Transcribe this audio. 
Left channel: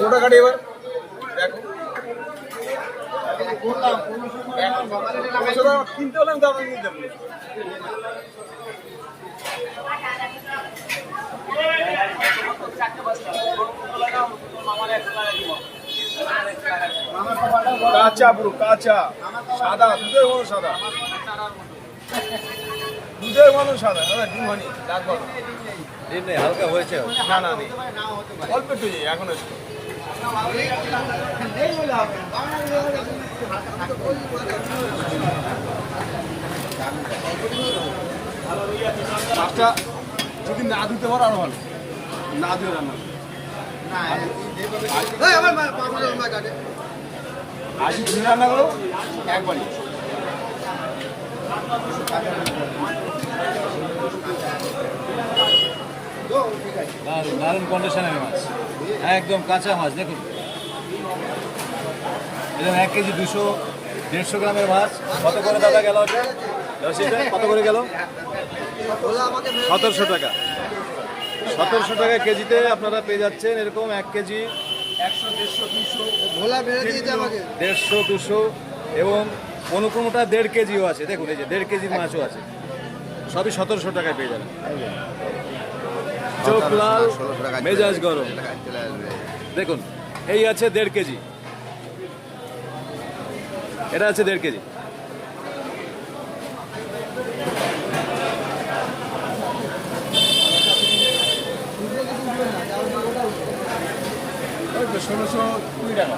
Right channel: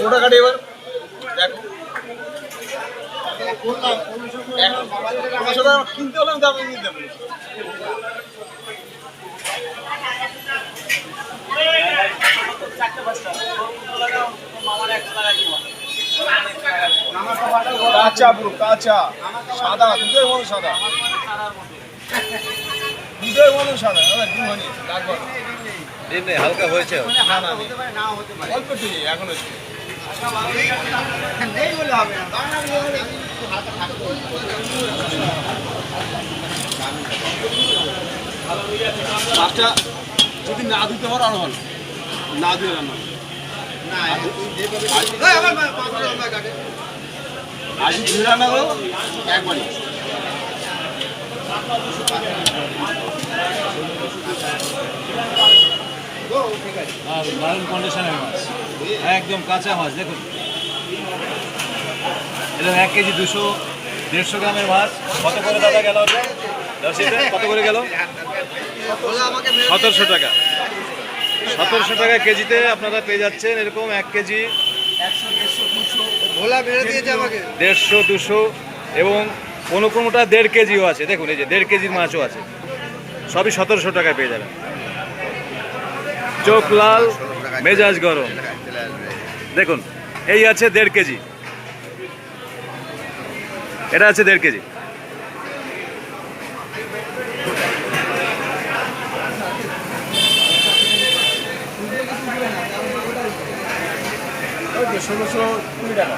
গোটা কাটি এবার দেখো কিনতে হলে আমি দাম কিনতে দেবো। কাঁচা পুরো কাঁচা সাদা দুধের মতো সাদা দুধের মতো সাদা ডিম হয়নি লাগবে ডিম নেই, হালকা হয়েছে। না না নেই অল্প একটু নেই এখন একটু মাছটা যদি না দিতে পারো আরো ভালো না দিলে রান্না আজ ধুয়ে রান্না করো একবারই দারুণ কন্ডিশনের মাছ, একদম কাঁচা মাছ। দেখুন এরকম 1 কেজি 200-150 গ্রামের মাছ। কত করে দাদা গেল ওটা? কত করে গেল? 1700 টাকা। 1700 টাকা কেজিতে আপনারা পেয়ে যাচ্ছেন এরকম 1 কেজি 150-200 এবং কোনোটা 1.5 কেজিও আছে। দেখুন এই যে 1.5 কেজির মাছও আছে, সবই 1700 টাকায় পেয়ে যাবেন। চোখ লাল মেজাজ গরম। দেখুন এই আছে 1.5 কেজি, এটা আছে 1.5 কেজি। ওই 1620 টাকা।